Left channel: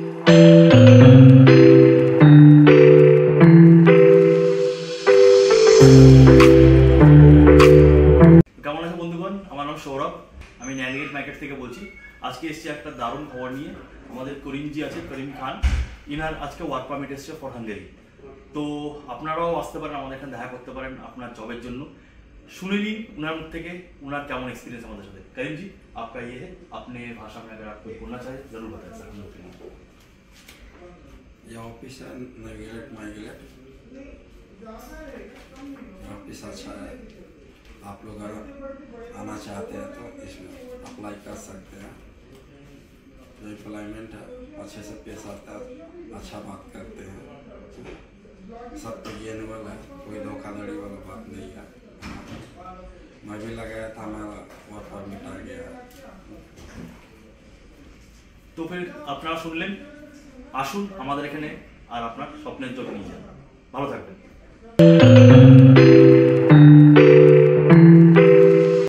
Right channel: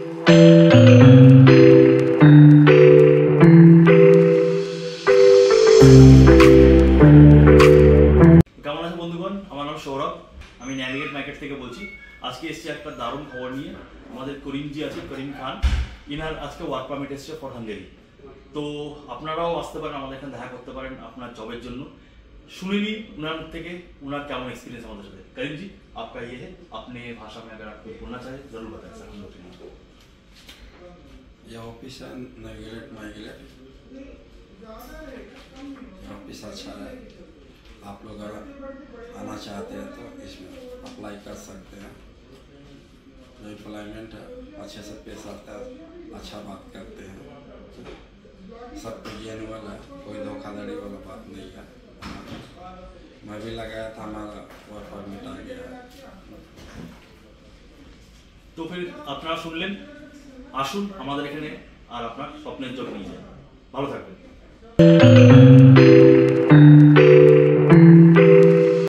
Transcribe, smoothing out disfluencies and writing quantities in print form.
কেমন আছে বন্ধুগণ, আমার নাম সৌরভ, আমি ন্যাভিগেট মার্কেট থেকে বলছি। আজকে এসেছি একটা দারুণ খবর নিয়ে। আমাদের করিমজি আছে, করিম খান, ইনার আজকে ওয়ার্ক পারমিট এসছে ফর হাঙ্গেরি। তো আপনারাও আসতে পারেন, আমাদের এখানে দেখা করতে পারেন আপনার জবের জন্য। শুনে নিন उनर मुख থেকে उनर কেমন एक्सपीरियंस हमारे साथ। करीम जी, आपका ये है, अपने भाषा में अगर आपको बोलना चाहे जरूर बताएं सर। हम लोग ये ऑफिस है नेविगेट माइग्रेट, ऑफिस अच्छा है। आप लोग अगर आना चाहते हैं तो इसमें अप्लाई कर सकते हैं। जो एम्प्लॉयमेंट है अच्छे से पेश आता है, अच्छा बात करते हैं, सब जेन्युइन है, कोई धोखाधड़ी वाला बात नहीं है। मैं भी लगाया था, हमारा वर्क परमिट आ गया। তো ফির আপনারা শুনলেন, আসুন আমাদের এখানে আর আপনার স্বপ্নের জব নিয়ে যান। ভালো থাকবেন।